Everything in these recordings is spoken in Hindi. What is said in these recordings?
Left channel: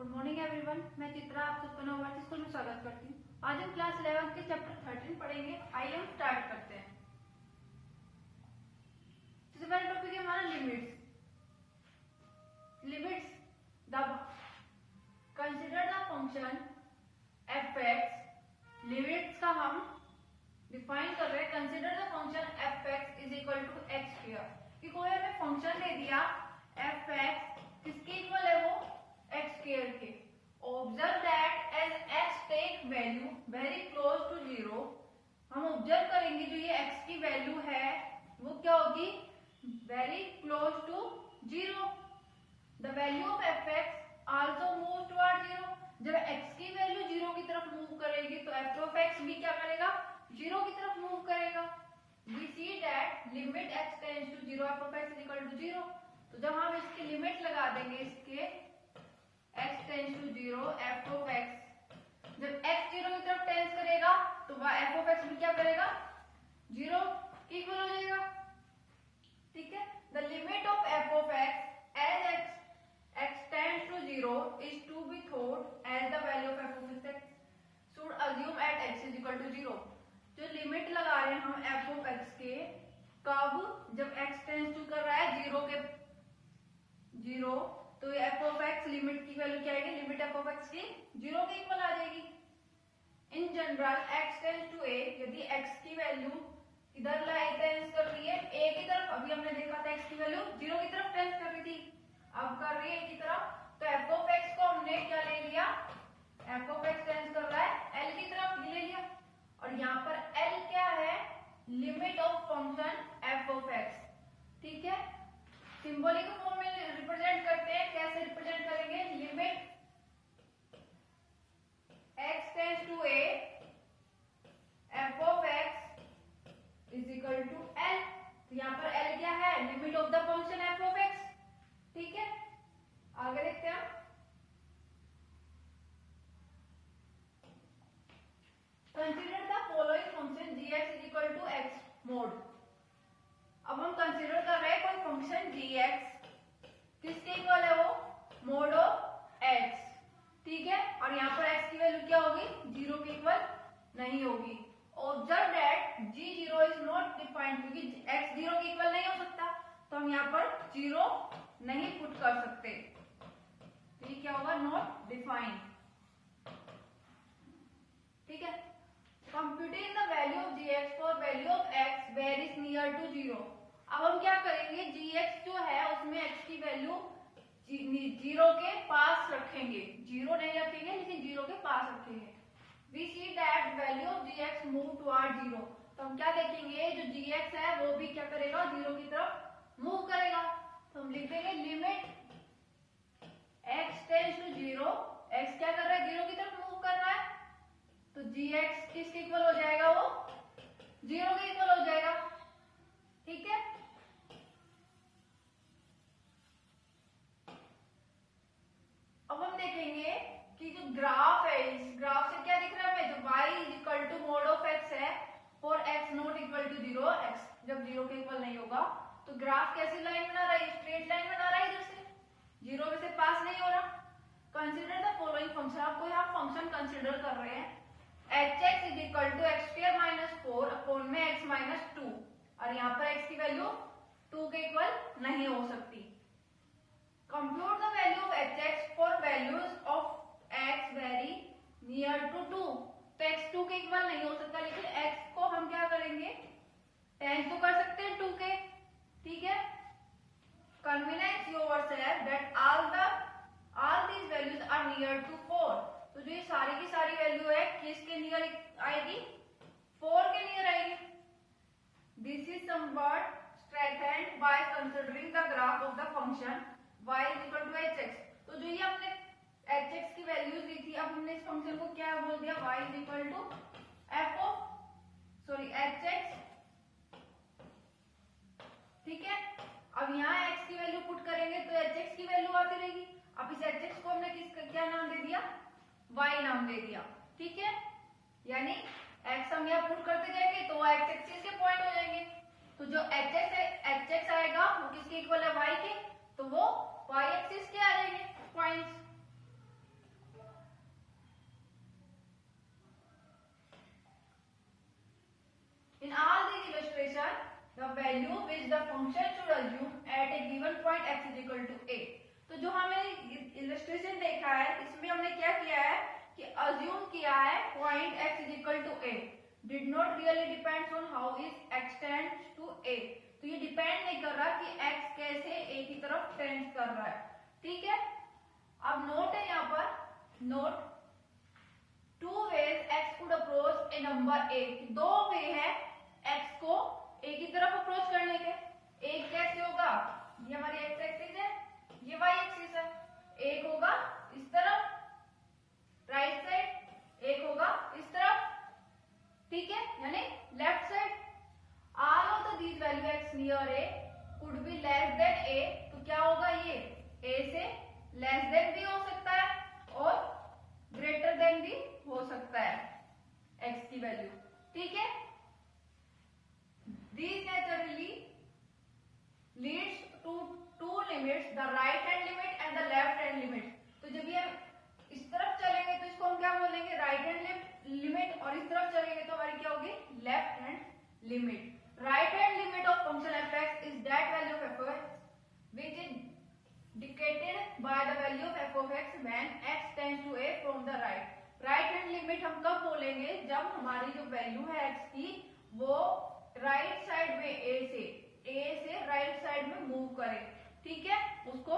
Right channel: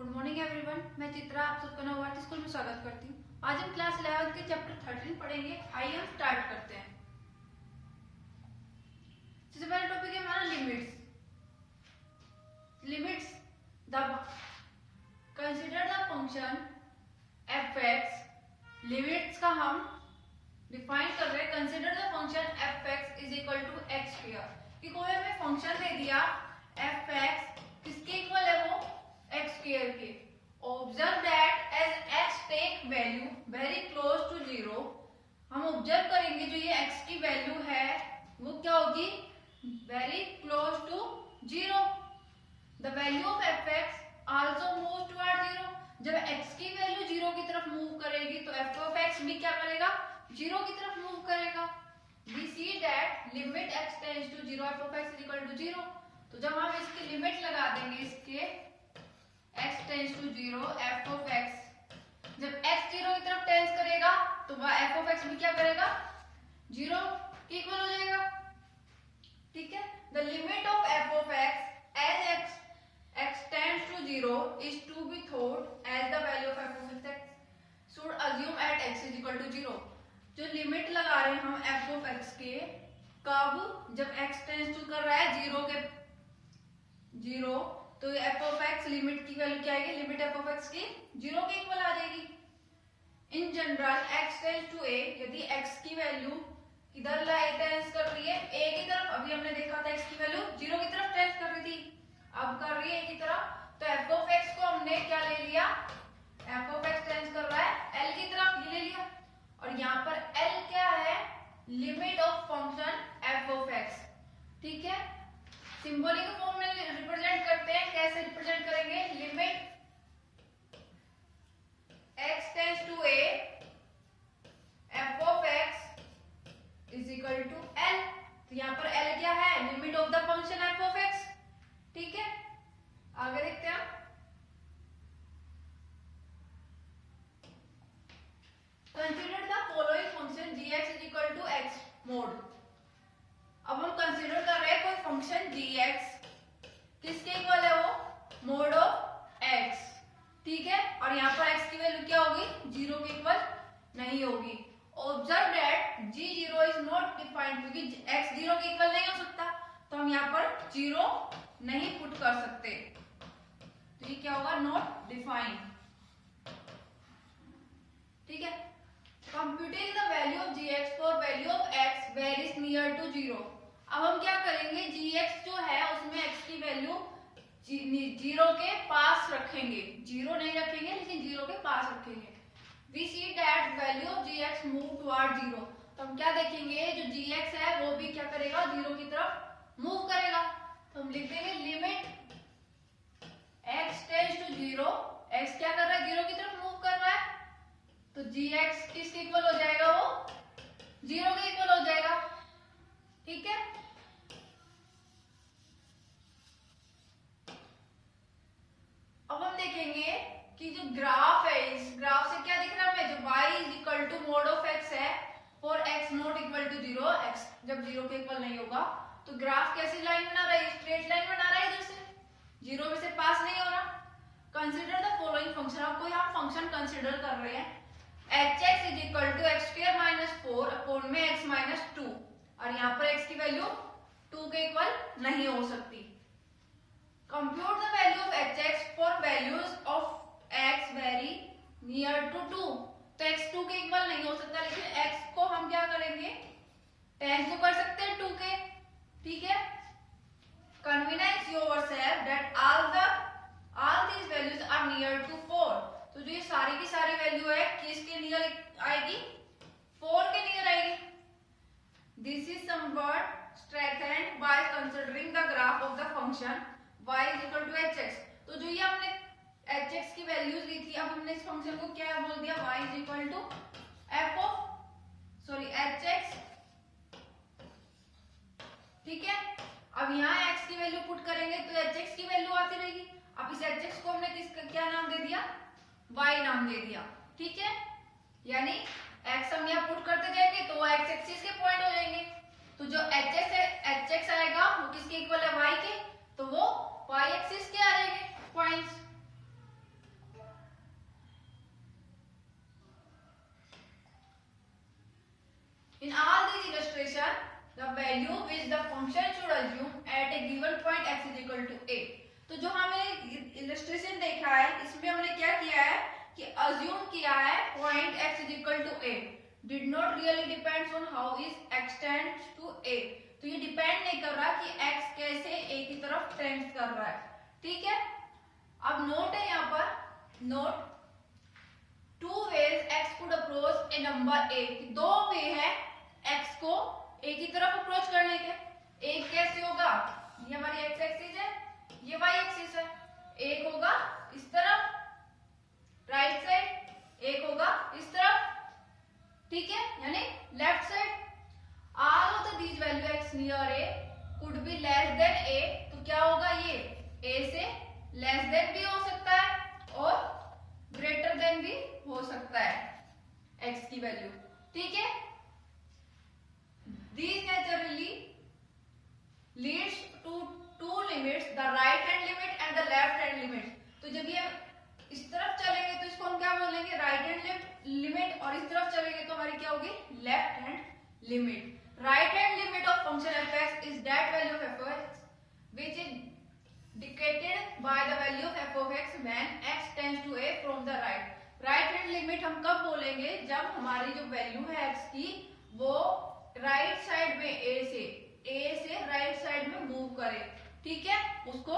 गुड मॉर्निंग एवरीवन, मैं चित्रा आप सबका नवभारती स्कूल में स्वागत करती हूँ। आज हम क्लास 11 के चैप्टर 13 पढ़ेंगे। आइए हम स्टार्ट करते हैं। सबसे पहला टॉपिक है हमारा limits. Limits the consider the function f(x). Limits का हम डिफाइन कर रहे हैं। Consider the function f(x) is equal to x square. कि कोई हमें फंक्शन दे दिया f(x) किसके इक्वल है वो x स्क्वायर के। Observe that as x take value very close to 0। हम ऑब्जर्व करेंगे जो ये x की वैल्यू है वो क्या होगी, very close to 0। The value of f(x) also move toward 0। जब x की वैल्यू 0 की तरफ मूव करेगी तो f(x) भी क्या करेगा, 0 की तरफ मूव करेगा। we see that limit x tends to 0 f(x) is equal to 0। तो जब हम इसकी लिमिट लगा देंगे इसके x tends to 0 f(x), जब x 0 की तरफ टेंस करेगा तो f(x) भी क्या करेगा, 0 के इक्वल हो जाएगा। ठीक है। The limit of f(x) as x tends to 0 is to be thought as the value of f(x) should assume at x is equal to 0। जो लिमिट लगा रहे हैं हम f(x) के, कब, जब x टेंस टू कर रहा है 0 के 0, तो f(x) लिमिट की वैल्यू क्या आएगी, लिमिट f(x) की 0 के इक्वल आ जाएगी। In general x tends to a, यदि x की वैल्यू किधर टेंस कर रही है, a की तरफ। अभी हमने देखा था x की वैल्यू 0 की तरफ टेंस कर रही थी, अब कर रही है a की तरफ। तो f(x) को हमने क्या ले लिया, f(x) टेंस कर रहा है l की तरफ, ये ले लिया। और यहाँ पर l क्या है, लिमिट ऑफ फंक्शन f(x). ठीक है। सिंबॉलिक फॉर्म में रिप्रेजेंट करते हैं। कैसे रिप्रेजेंट करेंगे, limit x tends to a f(x) is equal to l। तो यहाँ पर l क्या है, limit of the function f(x). ठीक है, आगे देखते हैं हम। Consider the following function gx is equal to x mod. अब हम कंसीडर कर रहे हैं कोई फंक्शन gx, किसके इक्वल है वो, मोड ऑफ x। ठीक है। और यहाँ पर x की वैल्यू क्या होगी, 0 के इक्वल नहीं होगी। Observe that g0 is not defined, क्योंकि x 0 के इक्वल नहीं हो सकता, तो हम यहाँ पर 0 नहीं पुट कर सकते। तो ये क्या होगा, नॉट डिफाइंड। ठीक है। Computing the value of gx for value of x varies near to 0। अब हम क्या करेंगे, gx जो है उसमें x की वैल्यू 0 के पास रखेंगे, 0 नहीं रखेंगे लेकिन 0 के पास रखेंगे। we see that value of gx move toward 0। तो हम क्या देखेंगे, जो gx है वो भी क्या करेगा, 0 की तरफ मूव करेगा। तो हम लिख देंगे limit x tends to 0, x क्या कर रहा है, 0 की तरफ मूव कर रहा है, तो gx किसके इक्वल हो जाएगा, वो 0 के इक्वल हो जाएगा। ठीक है। अब हम देखेंगे कि जो ग्राफ है, इस ग्राफ से क्या दिख रहा है हमें, जो y is equal to mod of x है for x not equal to 0, x जब 0 के इक्वल नहीं होगा तो ग्राफ कैसी लाइन बना रहा है, स्ट्रेट लाइन बना रहा है इधर से, 0 में से पास नहीं हो रहा। Consider the following function. आपको यहाँ फंक्शन कंसीडर कर रहे हैं, hx is equal to x square minus 4 upon में x माइनस 2। और यहाँ पर x की वैल्यू 2 के इक्वल नहीं हो सकती। Compute the value of hx for values of x very near to 2। तो x 2 के इक्वल नहीं हो सकता, लेकिन x को हम क्या करेंगे, टेंस तो कर सकते हैं 2 के। ठीक है। Convenience yourself that all these values are near to 4। तो जो ये सारी की सारी वैल्यू है किसके नियर आएगी, 4 के नियर आएगी। This is somewhat strengthened by considering the graph of the function y is equal to hx। तो जो ये हमने hx की वैल्यूज ली थी, अब हमने इस फंक्शन को क्या बोल दिया, y is equal to hx। ठीक है। अब यहाँ x की वैल्यू पुट करेंगे तो hx की वैल्यू आती रहेगी। अब इस hx को हमने क्या नाम दे दिया, y नाम दे दिया। ठीक है। यानी x हम यहाँ पुट करते जाएंगे तो x एक्सिस के पॉइंट हो जाएंगे। तो जो hx आएगा वो किसके इक्वल है, y के, तो वो y एक्सिस के आ जाएंगे points. Value which the function should assume at a given point x is equal to a। तो जो हमने इलस्ट्रेशन देखा है इसमें हमने क्या किया है कि अज्यूम किया है point x is equal to a, did not really depends on how is x tends to a। तो ये डिपेंड नहीं कर रहा कि x कैसे a की तरफ टेंड्स कर रहा है, ठीक है। अब नोट है यहाँ पर, note two ways x could approach a number a, दो वे है x को a की तरफ अप्रोच करने के। एक कैसे होगा, ये हमारी x एक्सिस है, ये y एक्सिस है। एक होगा इस तरफ राइट साइड, एक होगा इस तरफ, ठीक है, यानी left side. All of the these value x near a could be less than a, तो क्या होगा, ये a से लेस देन भी हो सकता है और ग्रेटर देन भी हो सकता है x की वैल्यू, ठीक है। These naturally leads to two limits, the right hand limit and the left hand limit। तो जब ये इस तरफ चलेंगे तो इसको हम क्या बोलेंगे, राइट हैंड लिमिट, और इस तरफ चलेंगे तो हमारी क्या होगी, left hand limit. Right hand limit of function f(x) is that value of f(x) which is dictated by the value of f(x) when x tends to a from the right। Right hand limit हम कब बोलेंगे, जब हमारी जो वैल्यू है x की वो राइट साइड में a से राइट साइड में मूव करे, ठीक है, उसको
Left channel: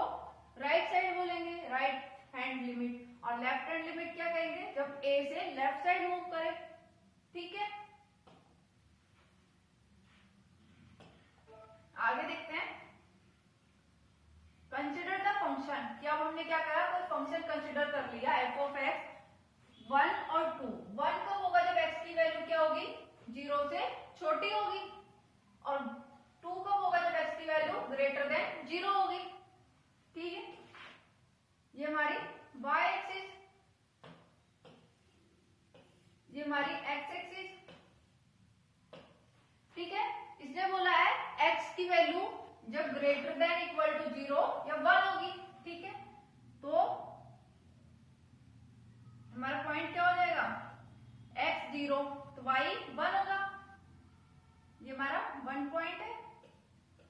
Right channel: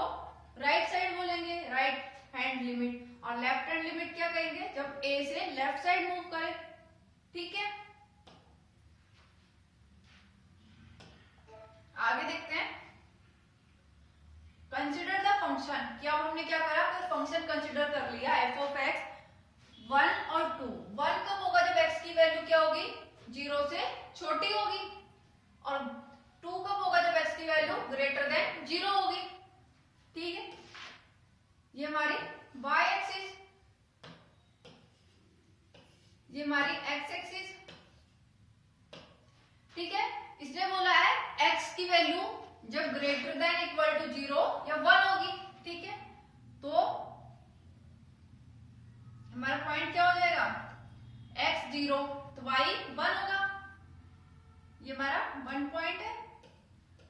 राइट साइड बोलेंगे, राइट हैंड लिमिट। और लेफ्ट हैंड लिमिट क्या कहेंगे, जब a से लेफ्ट साइड मूव करे, ठीक है। आगे देखते हैं, कंसिडर द फंक्शन, कि अब हमने क्या करा, कोई फंक्शन कंसिडर कर लिया f(x) 1 और 2। 1 कब होगा, जब x की वैल्यू क्या होगी, 0 से छोटी होगी, और 2 कब होगा, जब x की वैल्यू ग्रेटर देन 0 होगी, ठीक है। ये हमारी y एक्सिस, ये हमारी x एक्सिस, ठीक है। इसने बोला है x की वैल्यू जब ग्रेटर देन इक्वल टू 0 या 1 होगी, ठीक है, तो हमारा पॉइंट क्या हो जाएगा, x 0 तो y 1 होगा। ये हमारा 1 पॉइंट है,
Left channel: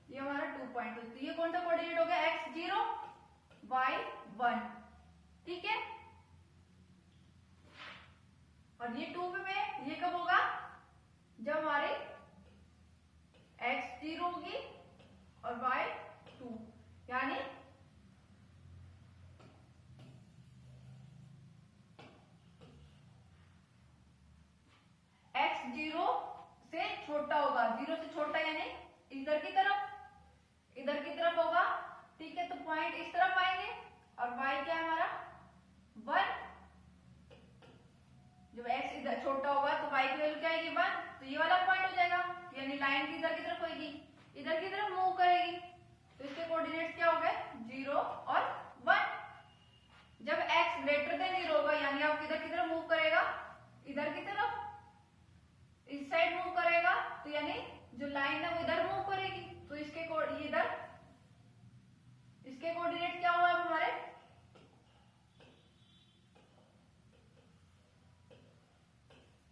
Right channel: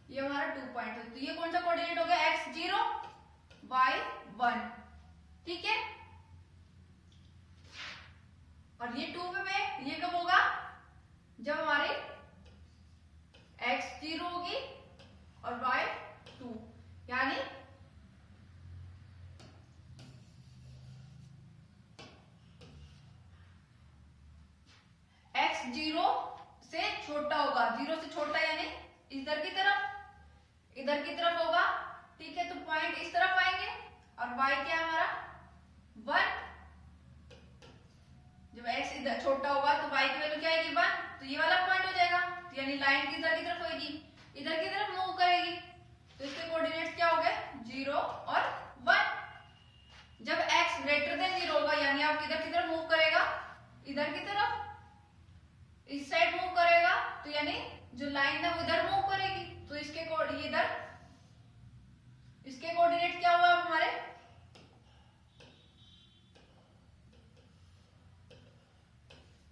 ये हमारा 2 पॉइंट है, तो ये कौन सा कोऑर्डिनेट हो गया, x 0 y 1, ठीक है। और ये 2 में ये कब होगा, जब हमारे x 0 होगी और y 2, यानी x 0 से छोटा होगा, 0 से छोटा यानी इधर की तरफ होगा, ठीक है। तो पॉइंट इस तरफ आएंगे, और y क्या है हमारा 1, जब x इधर छोटा होगा तो y की वैल्यू क्या आएगी 1, तो ये वाला पॉइंट हो जाएगा, तो यानी लाइन किधर की तरफ होगी, इधर की तरफ मूव करेगी, तो इसके कोऑर्डिनेट्स क्या हो गए 0 और 1। जब x ग्रेटर देन 0 होगा, यानी आप किधर की तरफ मूव करेगा, इधर की तरफ, इस साइड मूव करेगा, तो यानी जो लाइन है वो इधर मूव करेगी, तो इसके इधर इसके कोऑर्डिनेट क्या हुआ हमारे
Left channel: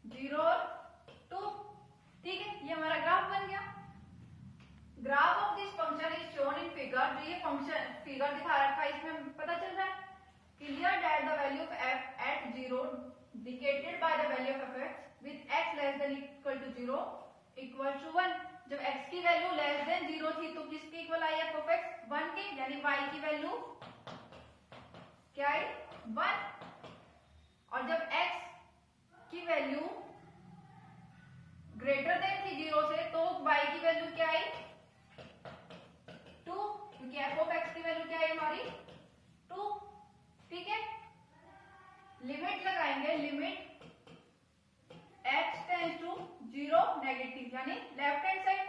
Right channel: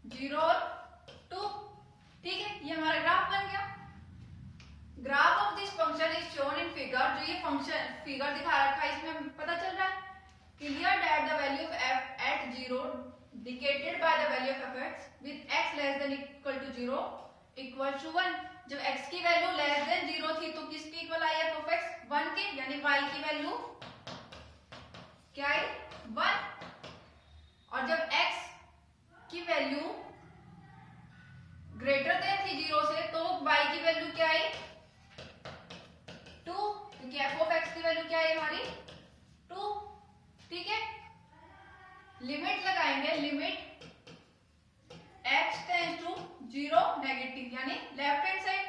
0 और 2, ठीक है। ये हमारा ग्राफ बन गया। Graph of this function is shown in figure, जो ये फंक्शन फिगर दिखा रखा है इसमें पता चल रहा है clear that the value of f at 0 dictated by the value of f(x) with x less than equal to 0 equal to 1। जब x की वैल्यू लेस देन 0 थी तो किसकी इक्वल आई f(x) 1 के, यानी y की वैल्यू क्या आई 1। और जब x की वैल्यू ग्रेटर देन थी 0 से, तो y की वैल्यू क्या आई 2, क्योंकि f(x) की वैल्यू क्या है हमारी 2, ठीक है। लिमिट लगाएंगे, limit x tends to 0 negative, यानी लेफ्ट हैंड साइड,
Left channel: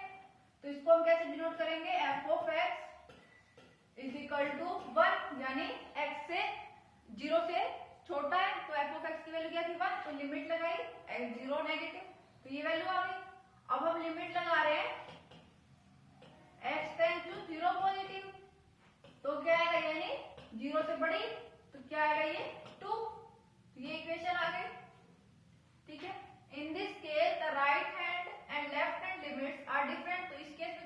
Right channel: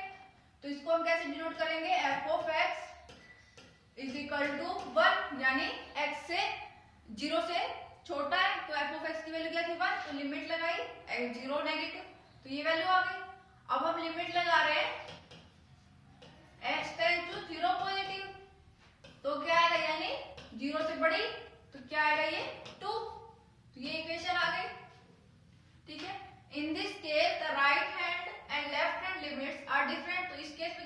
तो इसको हम कैसे डिनोट करेंगे, f(x) इज इक्वल टू 1, यानी x से 0 से छोटा है, तो f(x) की वैल्यू क्या थी 1, तो लिमिट लगाई 0 नेगेटिव, तो ये वैल्यू आ गई। अब हम लिमिट लगा रहे हैं x टेंड्स टू 0 पॉजिटिव, तो क्या आएगा, यानी 0 से बड़ी, तो क्या आएगा ये 2, तो ये इक्वेशन आ गई, ठीक है। In this case the right hand and left hand limits are different, तो इस केस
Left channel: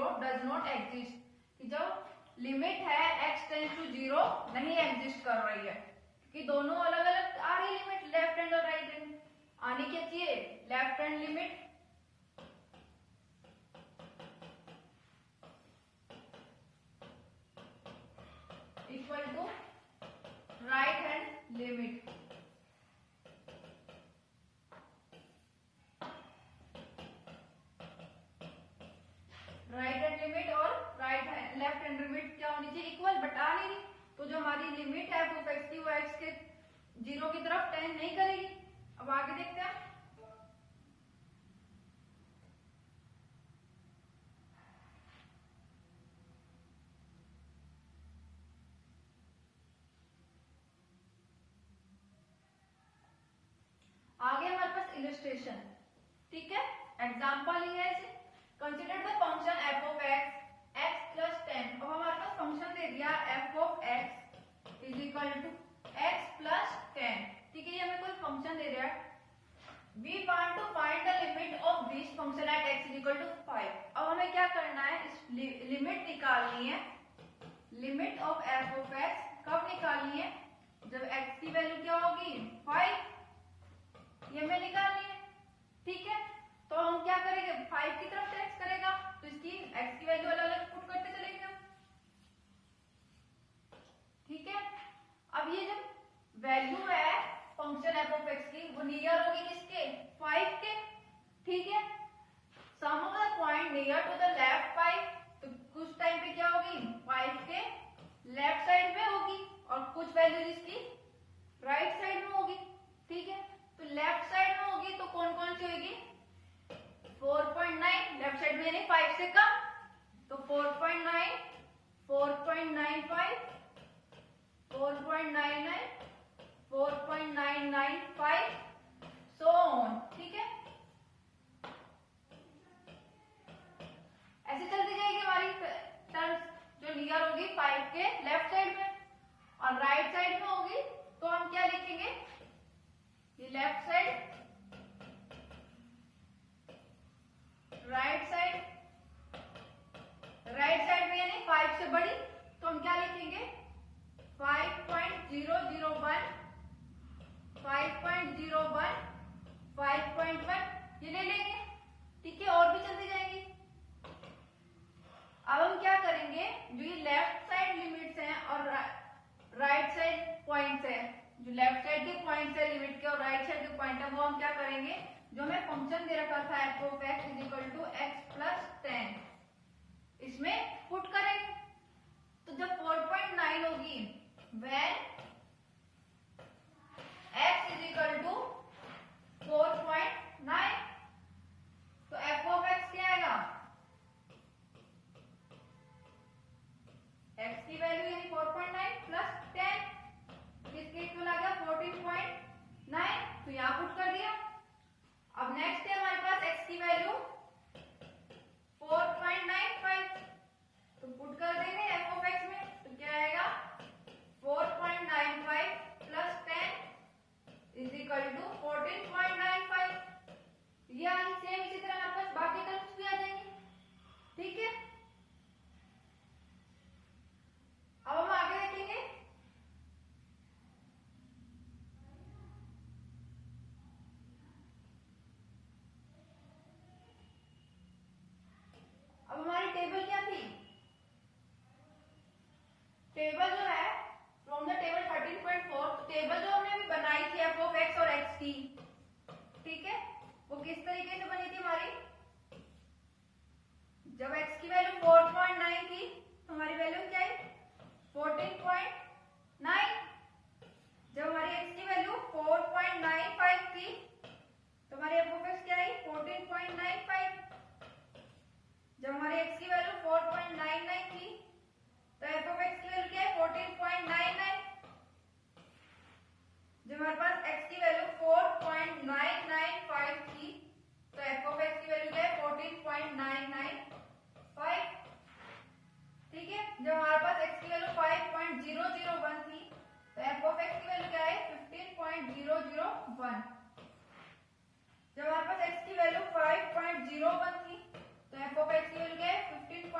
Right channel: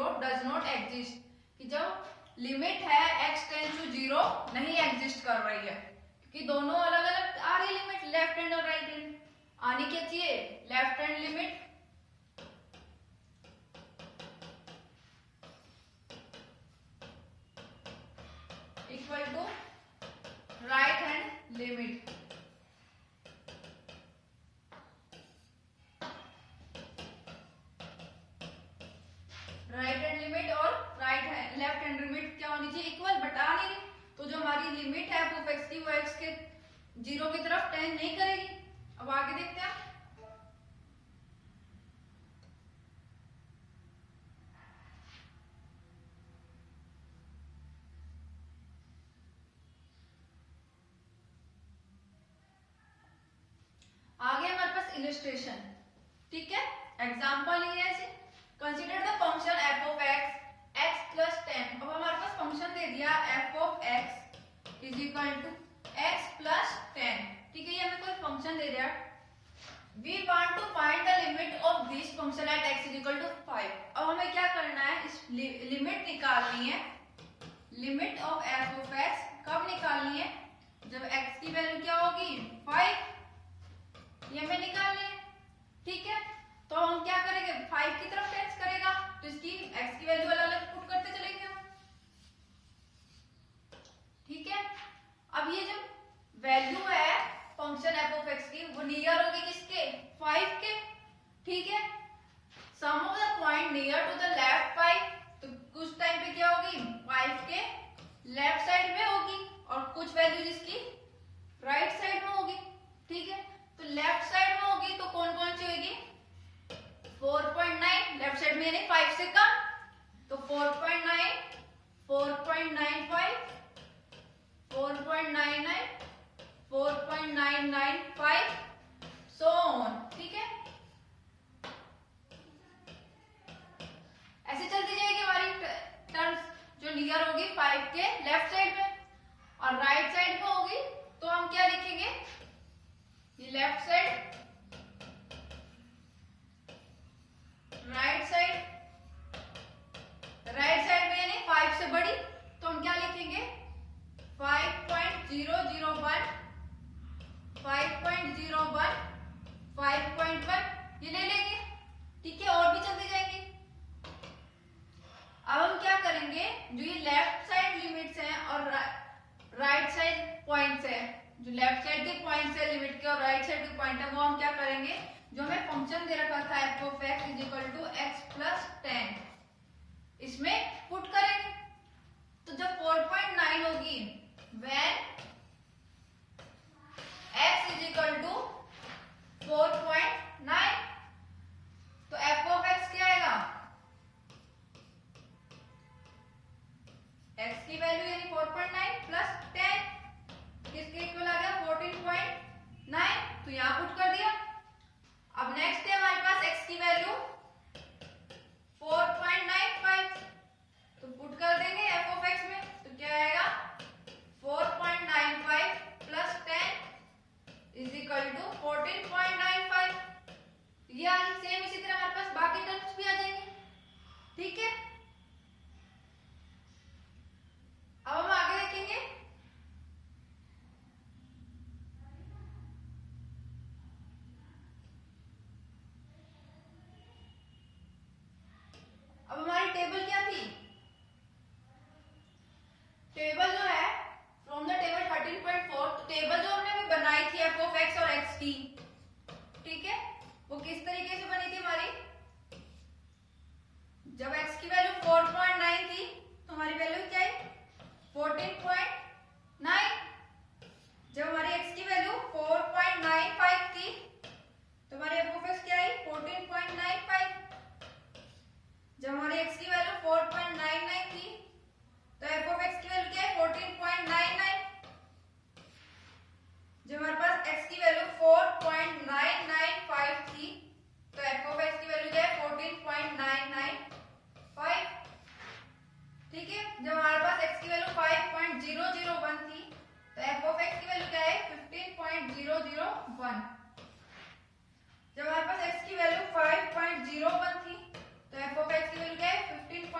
0 डज नॉट एग्जिस्ट, कि जब लिमिट है x टेंड्स टू 0 नहीं एग्जिस्ट कर रही है, क्योंकि दोनों अलग अलग आ रही लिमिट, लेफ्ट हैंड और राइट हैंड। आनी क्या चाहिए, left hand limit equal to right hand limit. Right hand limit और लेफ्ट हैंड लिमिट क्या होनी चाहिए, इक्वल, बट आ नहीं रही। तो जो हमारी लिमिट है f की वो x के 0 की तरफ टेंड नहीं करेगी। अब आगे देखते हैं। आगे हमारे पास इलस्ट्रेशन, ठीक है, एग्जांपल ये है, consider the function f of x plus 10। अब हमारे पास फंक्शन दे दिया f of x is equal to x plus 10, ठीक है, ये हमें कोई फंक्शन दे दिया। We want to find the limit of this function at x is equal to 5। अब हमें क्या करना है, इस लिमिट निकालनी है। Limit of f of x कब निकालनी है, जब x की वैल्यू क्या होगी 5, ये हमें निकालनी है, ठीक है। तो हम क्या करेंगे, 5 की तरफ टेंड करेगा, तो इसकी x की वैल्यू अलग अलग पुट करते चलेंगे हम, ठीक है। अब ये जो वैल्यू है फंक्शन f ऑफ x की, वो नियर होगी किसके, 5 के, ठीक है। Some of the point near to the left 5, तो कुछ टाइम पे क्या होगी 5 के लेफ्ट साइड में होगी, और कुछ वैल्यू जिसकी राइट साइड में होगी, ठीक है। तो लेफ्ट साइड में होगी तो कौन कौन सी होगी, 4.9 लेफ्ट साइड में, यानी 5 से कम, तो 4.9, 4.95, 4.99, 4.995 सो ऑन, ठीक है। ऐसे चलती जाएगी हमारी टर्म्स, जो नियर होगी 5 के लेफ्ट साइड में, और राइट साइड में होगी तो हम क्या लिखेंगे, ये left side, right side, right side में यानी 5 से बड़ी, तो हम क्या लिखेंगे 5.001, 5.01, 5.1 ये ले लेंगे, ठीक है। और भी चलती जाएंगी। अब हम क्या करेंगे, जो ये लेफ्ट साइड लिमिट्स हैं और राइट साइड पॉइंट्स हैं, जो लेफ्ट साइड के पॉइंट्स है लिमिट के और राइट साइड के पॉइंट है, वो हम क्या करेंगे, जो हमें फंक्शन दे रखा था f of x is equal to x plus 10, इसमें पुट करेंगे। तो जब 4.9 होगी when x is equal to 4.9, तो f ऑफ x क्या आएगा, x की वैल्यू यानी 4.9 प्लस 10 किसके इक्वल आ गया 14.9, तो यहां पुट कर दिया। अब नेक्स्ट है हमारे पास x की वैल्यू 4.95, तो पुट कर देंगे f ऑफ x में, तो क्या आएगा 4.95 प्लस 10 इज इक्वल टू 14.95। ये सेम इसी तरह हमारे पास बाकी टर्म्स भी आ जाएंगे, ठीक है। अब हम आगे देखेंगे। अब हमारी टेबल क्या थी, टेबल जो है फ्रॉम द टेबल 13.4, तो टेबल जो हमने अभी बनाई थी f ऑफ x और x की, ठीक है, वो किस तरीके से बनी थी हमारी, जब x की वैल्यू 4.9 थी तो हमारी वैल्यू क्या है 14.9, जब हमारी x की वैल्यू 4.95 थी तो हमारी f ऑफ x क्या है 14.95, जब हमारे x की वैल्यू 4.99 थी तो f ऑफ x की वैल्यू क्या है 14.99, जब हमारे पास x की वैल्यू 4.995 थी तो f ऑफ x की वैल्यू क्या है 14.995, ठीक है। जब हमारे पास x की वैल्यू 5.001 थी तो f ऑफ x की वैल्यू क्या है 15.001, जब हमारे पास x की वैल्यू 5.01 थी तो f ऑफ x की वैल्यू क्या है 15.01,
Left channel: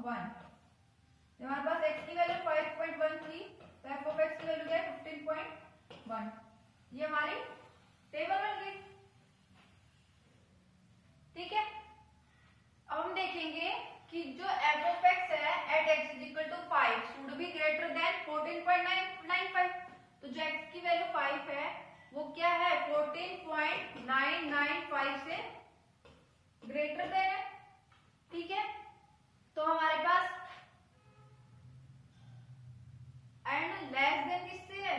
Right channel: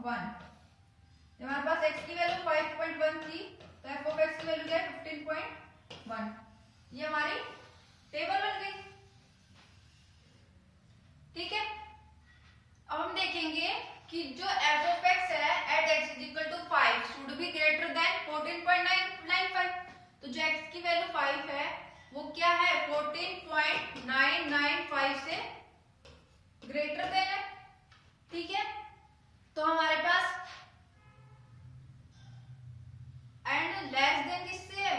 हमारे पास x की वैल्यू 5.1 थी तो f ऑफ x की वैल्यू क्या है 15.1। ये हमारी टेबल बन गई। ठीक है, अब हम देखेंगे कि जो f ऑफ x है at x is equal to 5 should be greater than 14.995। तो जो x की वैल्यू 5 है वो क्या है 14.995 से ग्रेटर देन है। ठीक है, तो हमारे पास एंड लेस देन किससे है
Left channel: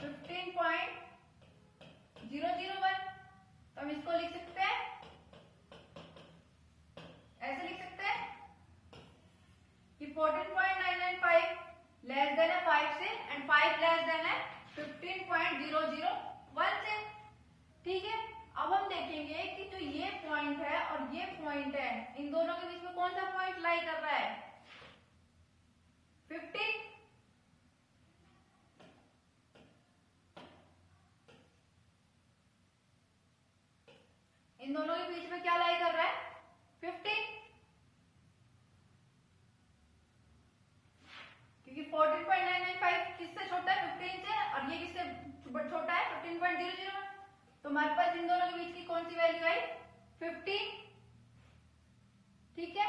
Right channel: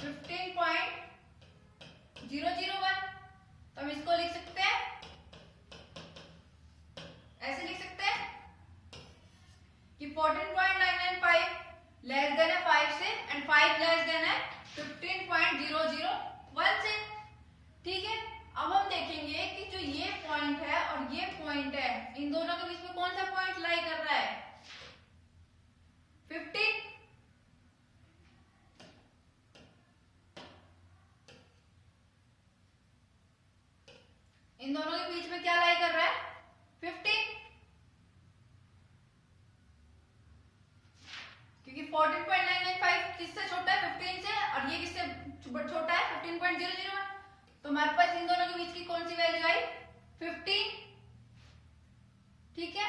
15.001। तो हम इसको लिख सकते हैं, ऐसे लिख सकते हैं कि 14.995 लेस देन है 5 से एंड 5 लेस देन है 15.001 से। ठीक है, अब हम देखेंगे कि जो ये पॉइंट है और ये पॉइंट है इन दोनों के बीच में कौन सा पॉइंट लाई कर रहा है 15। इन दोनों के बीच में क्या लाई कर रहा है 15, क्योंकि 14.995 किससे छोटा है 15 से और ये किससे छोटा है 15.001। तो हमारे पास इन दोनों के बीच की कौन सी वैल्यू आई 15। ठीक है,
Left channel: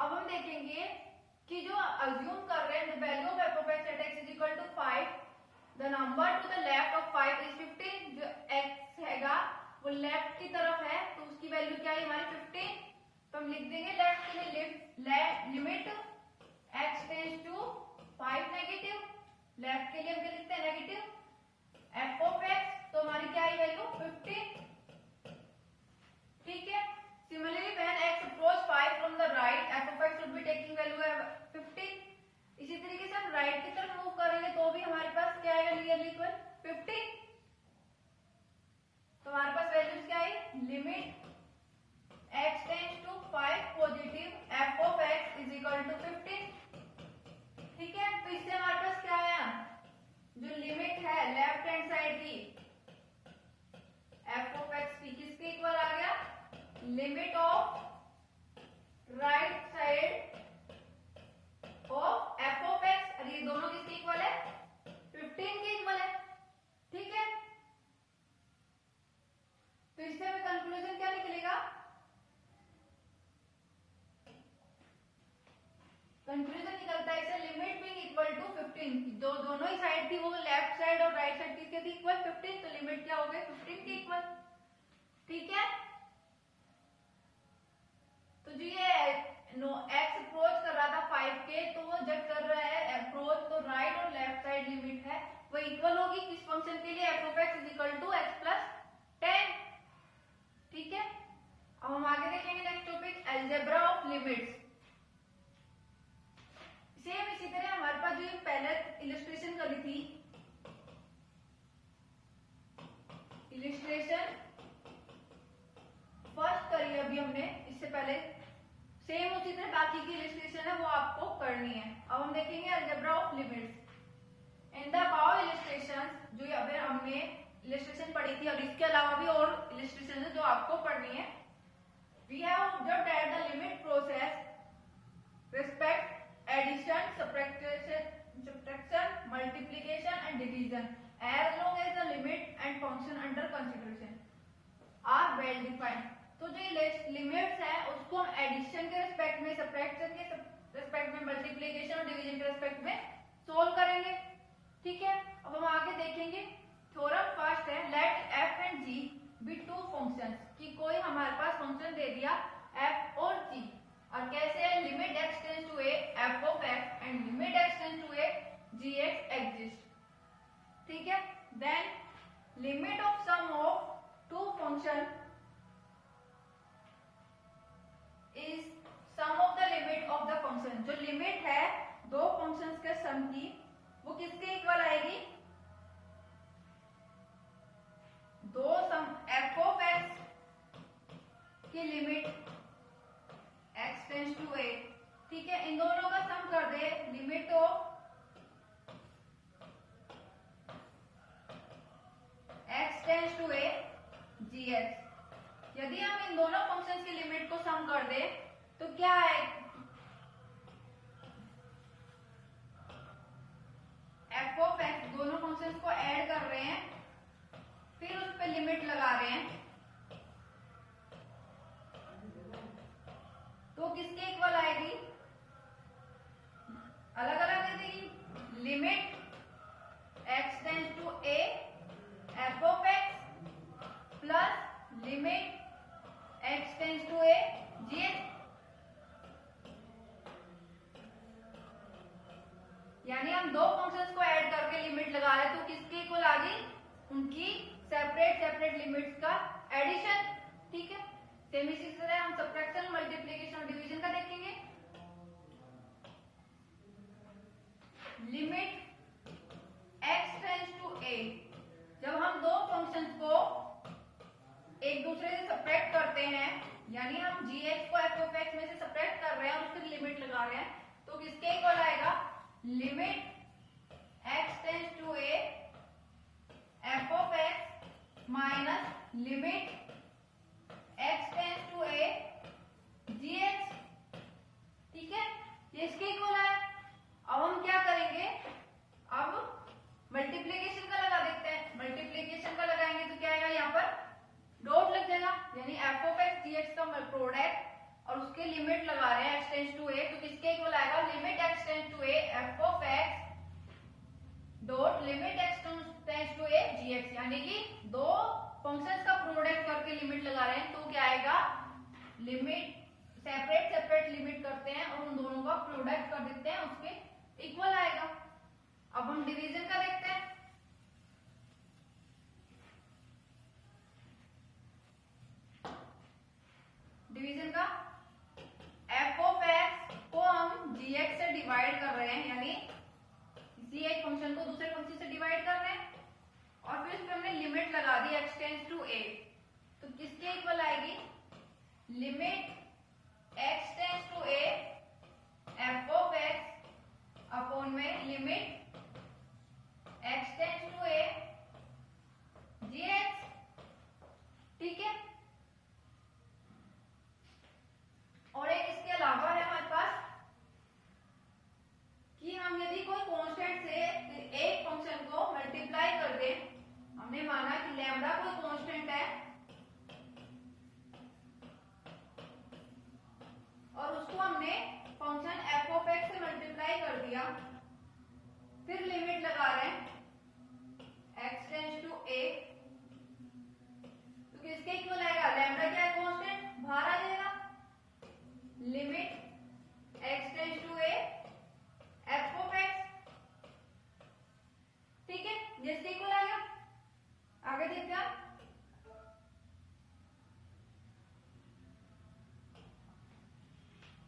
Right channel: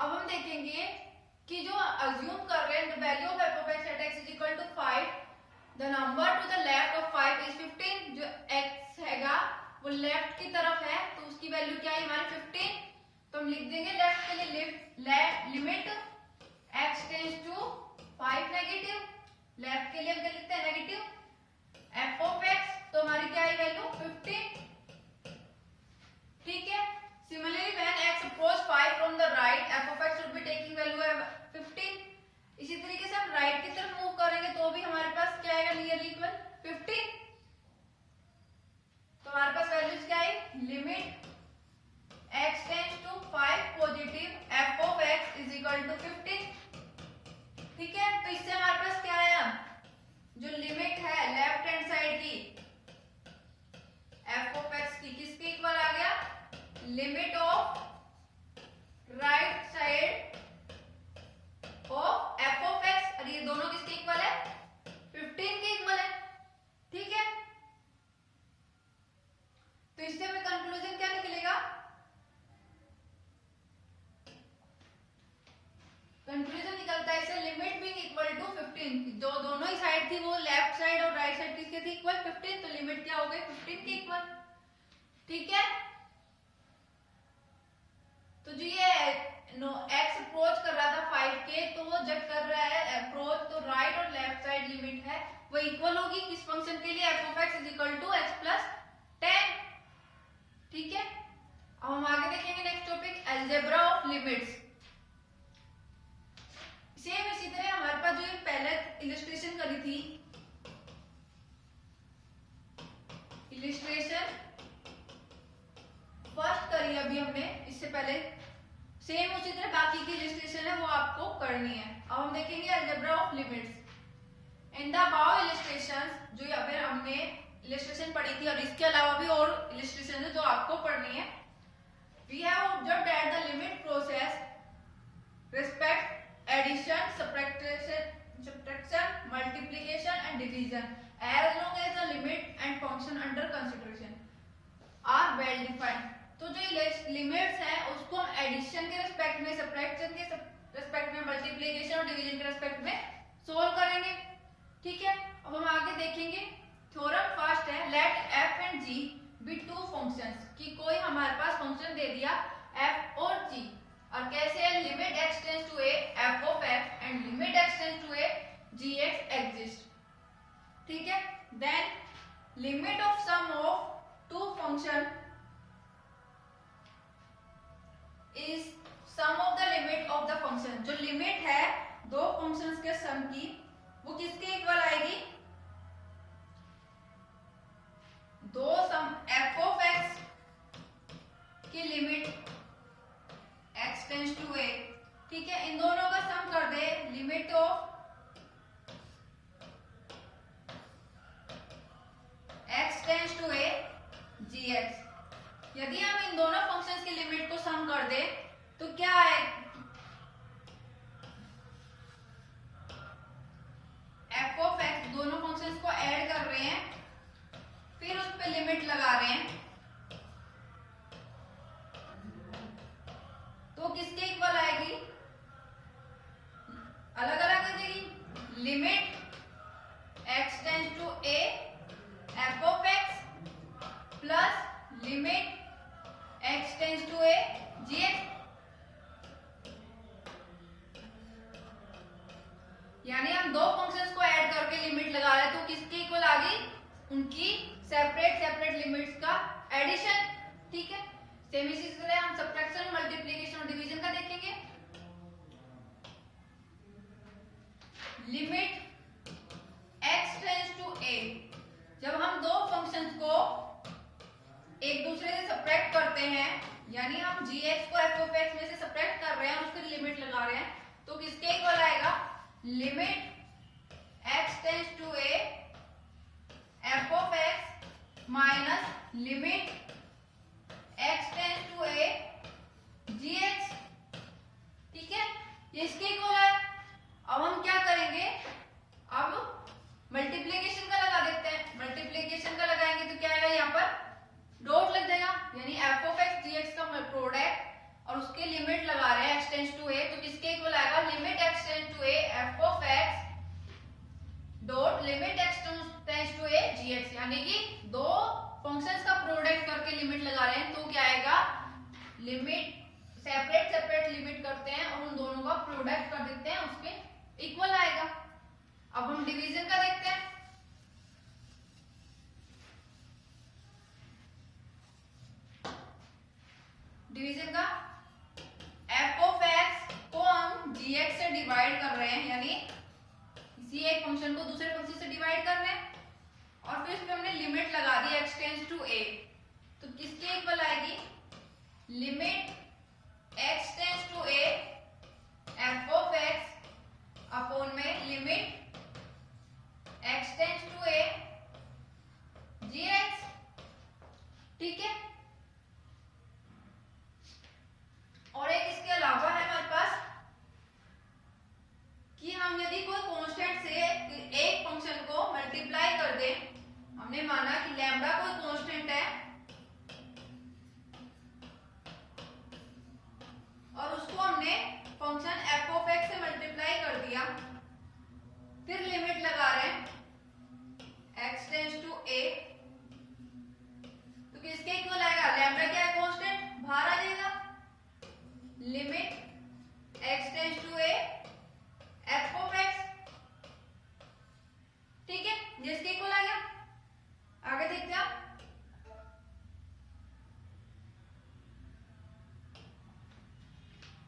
अब हम देखेंगे कि जो अज्यूम कर रहे हैं the value of f of x at x is equal to 5 the number two the left of 5 is 15। जो x हैगा वो लेफ्ट की तरफ है तो उसकी वैल्यू क्या है हमारी 15। तो हम लिख देंगे लेफ्ट के लिए limit x tends to 5 negative, left के लिए हम क्या लिखते हैं नेगेटिव f of x। तो हमारी क्या है वैल्यू 15। ठीक है, similarly when x approach 5 from the right f of x should be taking value 15। इसी तरीके से हम राइट की तरफ मूव करेंगे तो भी हमारे पास क्या आएगा नियरली इक्वल 15। तो हमारे पास वैल्यूज क्या है limit x tends to 5 positive f of x is equal to 15। ठीक है, तो इससे हमारे पास क्या आया जो लिमिट है लेफ्ट हैंड साइड की f of x की किसके इक्वल आ गया limit of right side of f of x और ये दोनों किसके इक्वल है 15 के इक्वल है। ठीक है, तो इससे हमें कंक्लूजन क्या निकलेगा कंक्लूजन निकलता है इसे लिमिट बीइंग इक्वल टू 15। जो दोनों ही साइड थी वो लेफ्ट साइड और राइट साइड किसके थी इक्वल 15। तो लिमिट क्या हो गई 15 के इक्वल। ठीक है, तो जो ये x अप्रोच कर रहा था 5 के तो वो जब कर रहा है अप्रोच तो राइट और लेफ्ट साइड लिमिट है वो इक्वल होगी किस फंक्शन के लिए f of x is equal to x plus 10। ठीक है, अब हम आगे देखेंगे next topic algebra of limits. Same इसी तरह हमारे पास जो ये पहले इलस्ट्रेशन करी थी इलस्ट्रेशन फर्स्ट करी अभी हमने इससे पहले सेम उसी तरह बाकी की इलस्ट्रेशन है वो आपको करनी है। अब हम देखेंगे algebra of limits in the above illustrations. जो अगर हमने इलस्ट्रेशन पढ़ी थी और इसके अलावा भी और इलस्ट्रेशन है जो आपको पढ़नी है। We have observed that the limit process respect addition subtraction multiplication and division as long as the limit and function under consideration are well defined। तो जो लिमिट्स है उसको हम एडिशन के रिस्पेक्ट में सब्ट्रैक्शन के रिस्पेक्ट में मल्टीप्लिकेशन और डिवीजन के रिस्पेक्ट में सोल्व करेंगे। ठीक है, अब हम आगे देखेंगे थ्योरम फर्स्ट है let f and g be two functions कि कोई हमारे पास फंक्शन दे दिया f और g और कैसे है limit x tends to a f of x and limit x tends to a gx exist. ठीक है, then limit of sum of two function is sum of the limit of the function. जो लिमिट है दो फंक्शंस के सम की वो किसके इक्वल आएगी दो सम f of x की limit x tends to a। ठीक है, इन दोनों का सम कर दे limit of x tends to a gx। यदि हम इन दोनों फंक्शंस की लिमिट कर दे तो क्या है, एफ ऑफ एक्स दोनों फंक्शंस को ऐड कर रहे हैं, फिर उस पर लिमिट लगा रहे हैं, तो किसके इक्वल आएगी, अलग अलग आ जाएगी। Limit x tends to a f of x plus limit x tends to a g x, यानी हम दो फंक्शंस को ऐड करके लिमिट लगा रहे हैं, तो किसके इक्वल आ गई, उनकी सेपरेट सेपरेट लिमिट्स का एडिशन। ठीक है, सेम इसी तरह हम सब्ट्रैक्शन, मल्टीप्लिकेशन और डिवीजन का देखेंगे। Limit x tends to a, जब हम दो फंक्शंस को एक दूसरे से सब्ट्रैक्ट करते हैं, यानी हम gx को f of x में से सब्ट्रैक्ट कर रहे हैं, उसकी लिमिट लगा रहे हैं, तो किसके इक्वल आएगा, limit x tends to a f of x minus limit x tends to a gx। ठीक है, ये इसके इक्वल है। अब हम क्या करेंगे, अब मल्टीप्लिकेशन का लगा देते हैं। मल्टीप्लिकेशन का लगाएंगे तो क्या आएगा, यहाँ पर डॉट लग जाएगा, यानी f of x gx का प्रोडक्ट और उसकी लिमिट लगा रहे हैं x टेंड्स टू a, तो किसके इक्वल आएगा, limit x tends to a f of x dot limit x tends to a gx, यानी कि दो फंक्शंस का प्रोडक्ट करके लिमिट लगा रहे हैं, तो क्या आएगा, लिमिट सेपरेट सेपरेट लिमिट करते हैं और उन दोनों का प्रोडक्ट कर देते हैं, उसके इक्वल आएगा। अब हम डिवीजन का देखते हैं। डिवीजन का f ऑफ x को हम gx से डिवाइड कर रहे हैं, यानी किसी एक फंक्शन को दूसरे फंक्शन से डिवाइड कर रहे हैं, और फिर इसमें हमने लिमिट लगा दी x टेंड्स टू a, तो किसके इक्वल आएगी, limit x tends to a f of x upon में limit x tends to a gx। ठीक है, और एक इसके अलावा है हमारे पास कि हम यदि कोई कांस्टेंट से एक फंक्शन को मल्टीप्लाई कर दें, हमने माना कि लैम्डा कोई कांस्टेंट है और उसको हमने फंक्शन f ऑफ x से मल्टीप्लाई कर दिया, फिर लिमिट लगा रहे हैं x टेंड्स टू a, तो किसके इक्वल आएगा, लैम्डा क्या है कांस्टेंट, बाहर आ जाएगा, limit x tends to a f of x। ठीक है, जिसके इक्वल आ गया। आगे देखते हैं आप,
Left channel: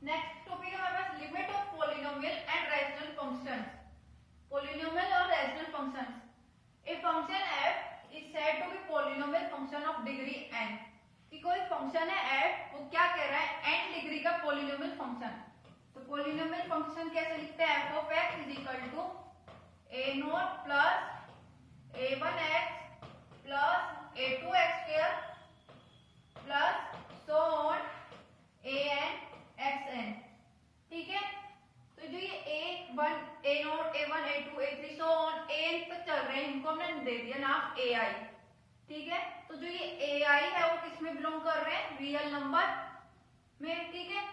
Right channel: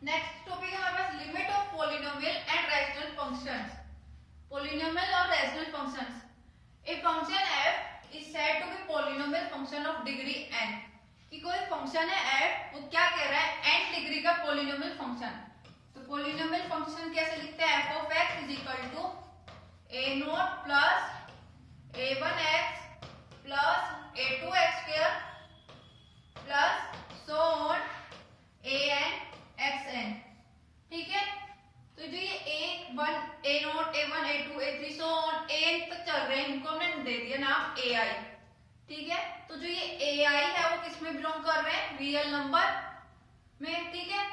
नेक्स्ट टॉपिक है हमारे पास limit of polynomial and rational functions. Polynomial और rational functions, a function f is said to be polynomial function of degree n, कि कोई फंक्शन है f, वो क्या कह रहा है, n डिग्री का पॉलिनोमियल फंक्शन। तो पॉलिनोमियल फंक्शन कैसे लिखते हैं, f of x is equal to a0 plus a1x plus a2x square plus so on an xn। ठीक है, तो जो ये a1 a0 a1 a2 a3 so on an तक चल रहे हैं, इनको हमने दे दिया नाम ai। ठीक है, तो जो ये ai है वो किस में बिलोंग कर रहे हैं, रियल नंबर में। ठीक है,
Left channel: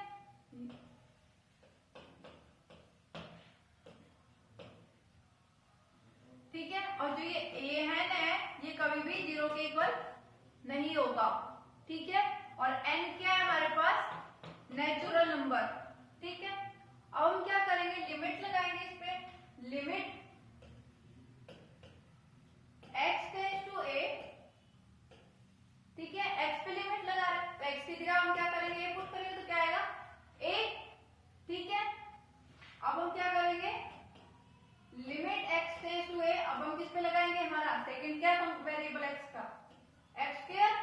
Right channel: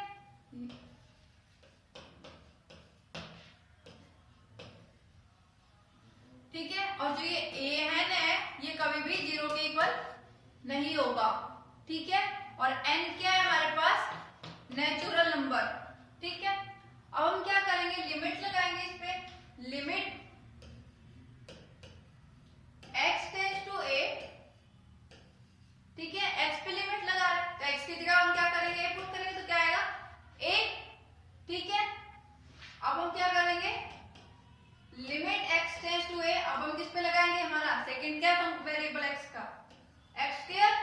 ठीक है, और जो ये an है ये कभी भी 0 के इक्वल नहीं होगा। ठीक है, और n क्या है हमारे पास, नेचुरल नंबर। ठीक है, अब हम क्या करेंगे, लिमिट लगाएंगे इस पे, limit x tends to a। ठीक है, x पे लिमिट लगा रहे हैं, तो x की जगह हम क्या करेंगे, a पुट करेंगे, तो क्या आएगा a। ठीक है, अब हम क्या करेंगे, limit x tends to a, अब हम किस पे लगाएंगे, हमारा सेकंड क्या वेरिएबल x का, x स्क्वायर।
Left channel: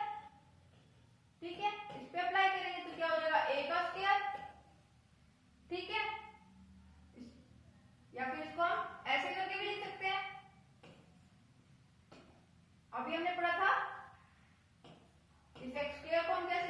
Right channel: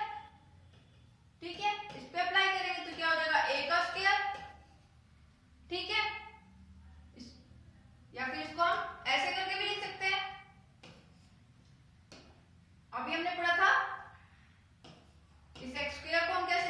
ठीक है, इस पे अप्लाई करेंगे तो क्या हो जाएगा, a का स्क्वायर। ठीक है, या फिर इसको हम ऐसे करके भी लिख सकते हैं, अभी हमने पढ़ा था इस x स्क्वायर को हम कैसे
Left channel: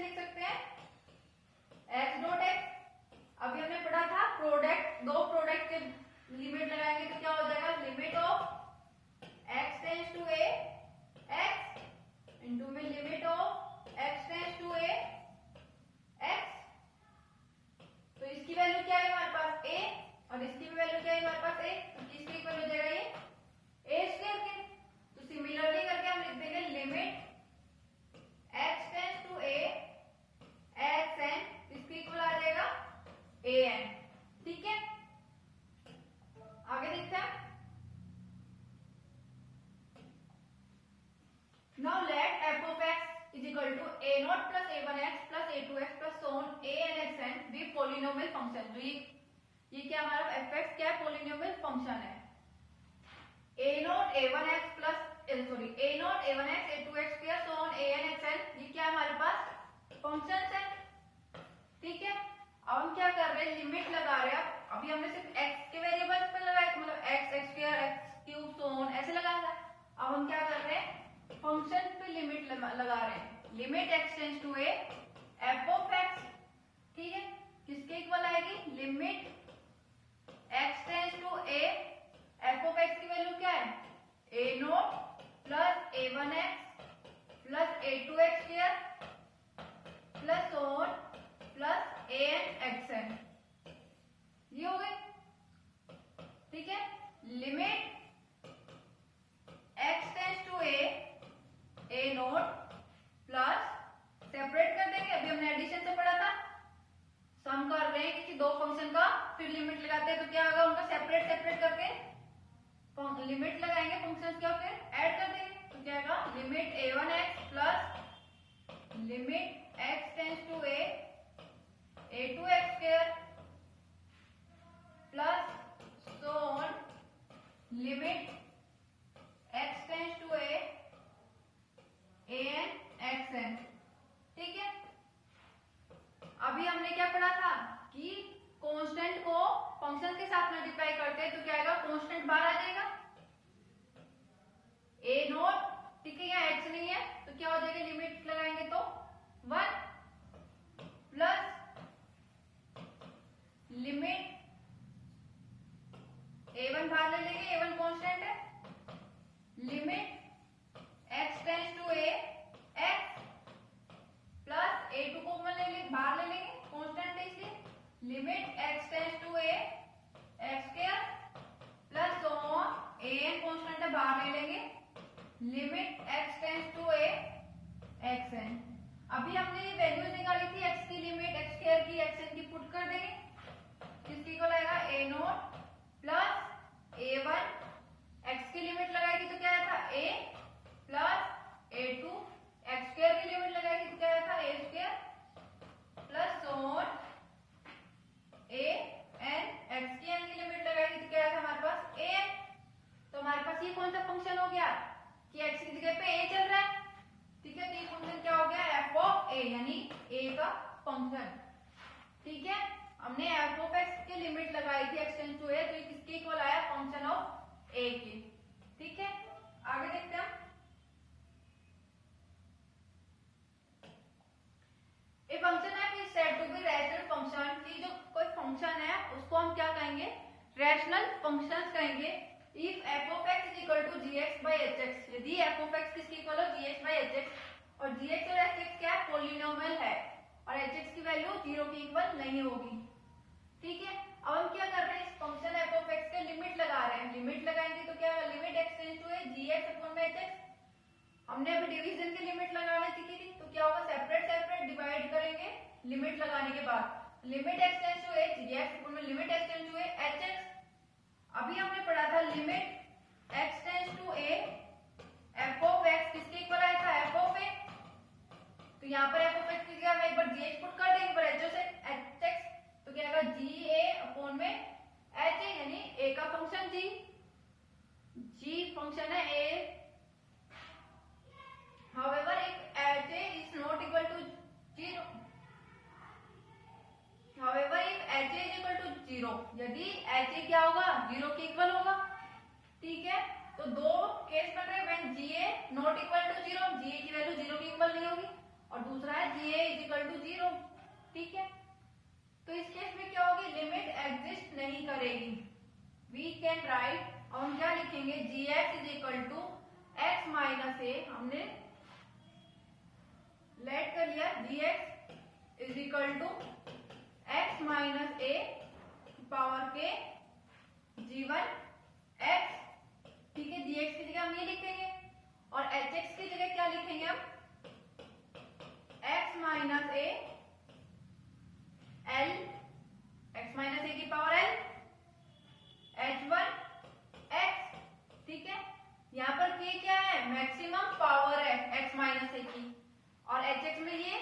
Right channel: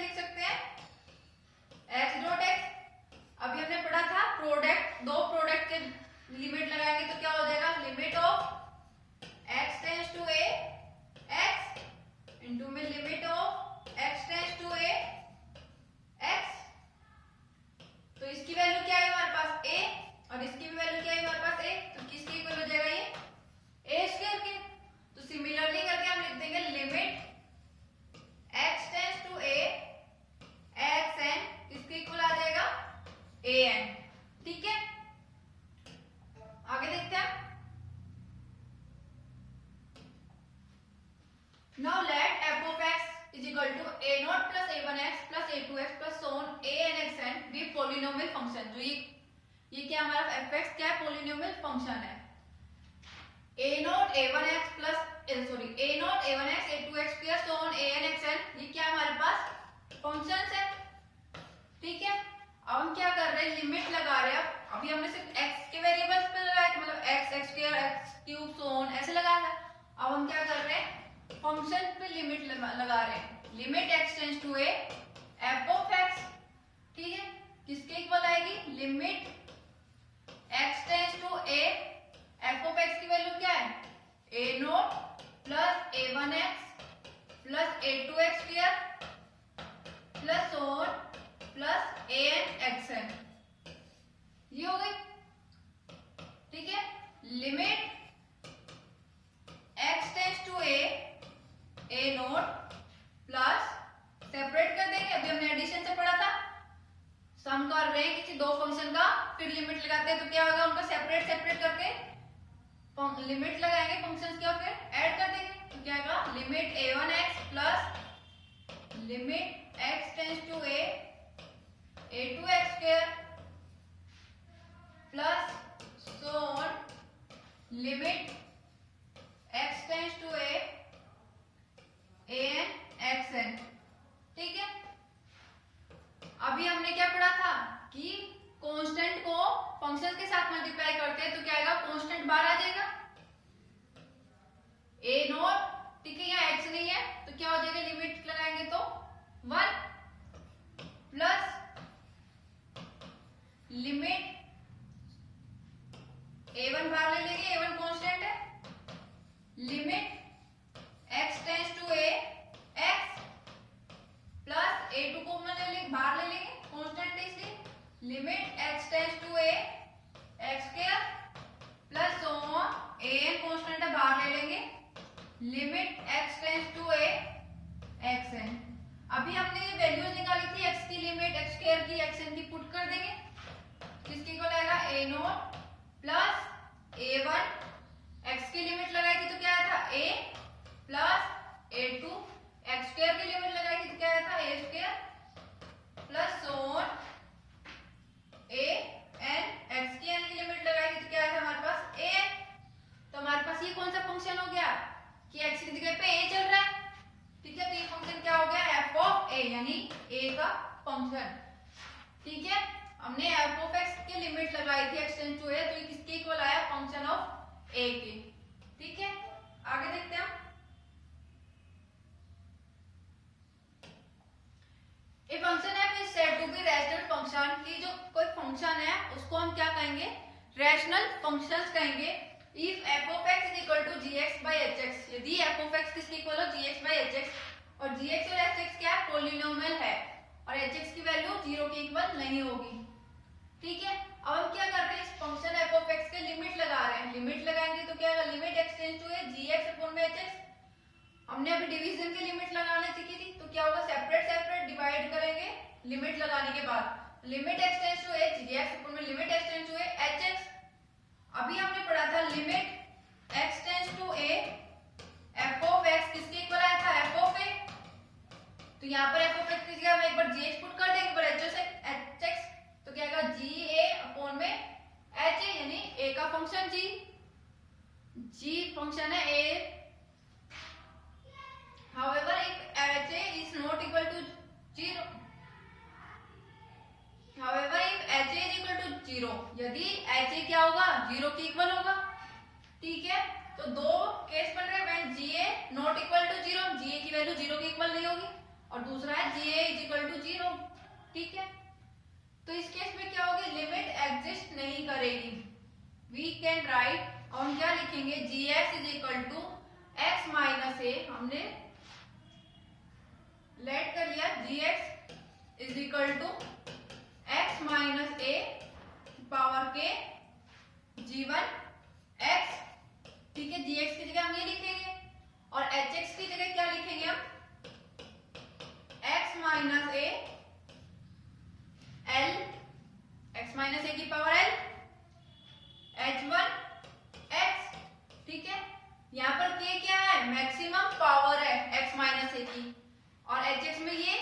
पोलिनोमियल फंक्शन, जो ये क्या हमारा एफ एक्स क्या है, पोलिनोमियल फंक्शन है। A naught a one x plus sorry a naught a one x a two x square so on a n x n, ये क्या हमारे पास फंक्शंस है। ठीक है, अब हम क्या कर रहे हैं, लिमिट लगा रहे हैं। अभी हमने सिर्फ x के वेरिएबल्स पे लगाया, मतलब x x square x cube so on ऐसे लगाया था। अब हम क्या कर रहे हैं, फंक्शन पे लिमिट लगा रहे हैं। Limit x tends to a f of x, ठीक है, किसके इक्वल आएगी, limit x tends to a f of x की वैल्यू क्या है, a naught plus a one x plus a two x square plus on plus a n x n, ये हो गई। ठीक है, limit x tends to a naught plus, separate कर देंगे, अभी हमने एडिशन से पढ़ा था, सम कर रहे हैं किसी दो फंक्शन का, फिर लिमिट लगाते हैं तो क्या होगा, उनका सेपरेट सेपरेट करके लिमिट लगाएंगे फंक्शंस की और फिर ऐड कर देंगे, तो क्या होगा, limit a one x plus limit x tends to a two x square plus so on limit x tends to a n x n। ठीक है, अभी हमने क्या पढ़ा था कि कांस्टेंट को फंक्शन के साथ मल्टीप्लाई करते हैं तो क्या आएगा, कांस्टेंट बाहर आ जाएगा, a नॉट, ठीक है, यहाँ x नहीं है तो क्या हो जाएगा, लिमिट लगाएंगे तो 1 प्लस लिमिट a1 बाहर ले लेंगे, a1 कांस्टेंट है, limit x tends to a x plus a2 को मैं बाहर ले लेंगे, कांस्टेंट है इसलिए, limit x tends to a x square plus a n constant है बाहर ले लेंगे, limit x tends to a x n। अभी हमने वैल्यूज निकाली थी x की, लिमिट x स्क्वायर की x n की पुट कर देंगे, किसकी इक्वल आएगा, a naught plus a1, x की लिमिट लगाई थी तो क्या आया था, a plus a2, x square की लिमिट लगाई थी तो क्या आया था, a square plus on a n, x की n की लिमिट लगाई थी तो क्या आया था हमारे पास a n। तो हमारे पास ये कौन सा फंक्शन हो गया कि x की जगह पे a चल रहा है। ठीक है, तो ये फंक्शन क्या हो गया, f ऑफ a, यानी a का फंक्शन। ठीक है, हमने f ऑफ x की लिमिट लगाई थी x टेंड्स टू a, तो ये किसके इक्वल आया, फंक्शन ऑफ a के। ठीक है, आगे देखते हैं हम। A function f is said to be rational function, की जो कोई फंक्शन है उसको हम क्या कहेंगे, रैशनल फंक्शंस कहेंगे। If f of x is equal to gx by hx, यदि f of x किसके इक्वल हो, gx by hx, और gx और hx क्या है, पोलिनोमियल है और hx की वैल्यू 0 के इक्वल नहीं होगी। ठीक है, अब हम क्या कर रहे हैं, इस फंक्शन f of x के लिमिट लगा रहे हैं, लिमिट लगाएंगे तो क्या होगा, limit x tends to a gx upon में hx। हमने अभी डिवीजन की लिमिट लगाने सीखी थी, तो क्या होगा, सेपरेट सेपरेट डिवाइड करेंगे लिमिट लगाने के बाद, limit x tends to a gx upon में limit x tends to a hx। अभी हमने पढ़ा था limit x tends to a f of x किसके इक्वल आया था, f ऑफ a, तो यहाँ पर f ऑफ x की जगह हम एक बार gh पुट कर देंगे, पर hx तो क्या आएगा, ga अपॉन में ha, यानी a का फंक्शन g फंक्शन है a। However, if ha is not equal to 0, however if ha is equal to 0, यदि ha क्या होगा, 0 के इक्वल होगा। ठीक है, तो दो केस बन रहे हैं, ga not equal to 0, ga की वैल्यू 0 के इक्वल नहीं होगी, और दूसरा है ga इज इक्वल टू 0। ठीक है, तो इस केस में क्या होगी, लिमिट एग्जिस्ट नहीं करेगी। वी कैन राइट, और हम क्या लिखेंगे, gx is equal to x minus a, हमने लेट कर लिया, gx is equal to x minus a power के g1 x। ठीक है, gx की जगह हम ये लिखेंगे और hx की जगह क्या लिखेंगे हम, x minus a l, x minus a की पावर l h1 x। ठीक है, यहाँ पर k क्या है, मैक्सिमम पावर है x माइनस a की, और hx में ये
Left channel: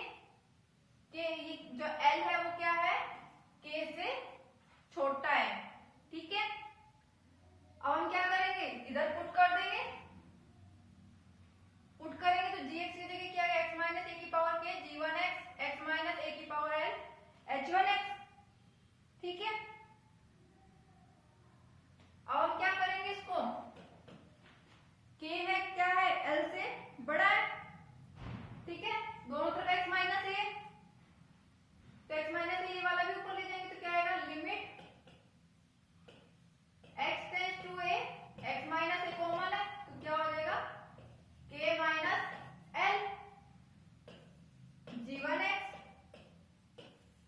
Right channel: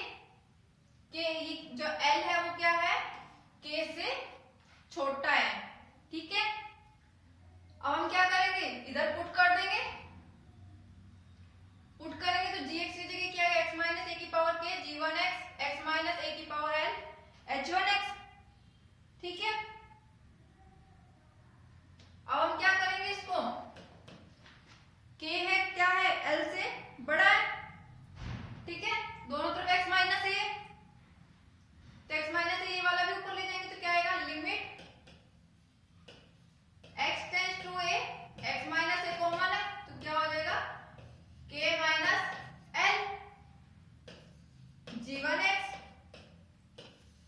जो l है वो क्या है, k से छोटा है, ठीक है। अब हम क्या करेंगे, इधर पुट कर देंगे, पुट करेंगे तो gx की जगह क्या है, x माइनस ए की power k g1x x minus a की पावर l h1x, ठीक है। अब हम क्या करेंगे, इसको k है क्या है, l से बड़ा है, ठीक है। दोनों तरफ x माइनस ए, तो x माइनस ए वाला भी ऊपर ले जाएंगे तो क्या आएगा, limit x tends to a, x minus a common है तो क्या हो जाएगा, k minus l g1x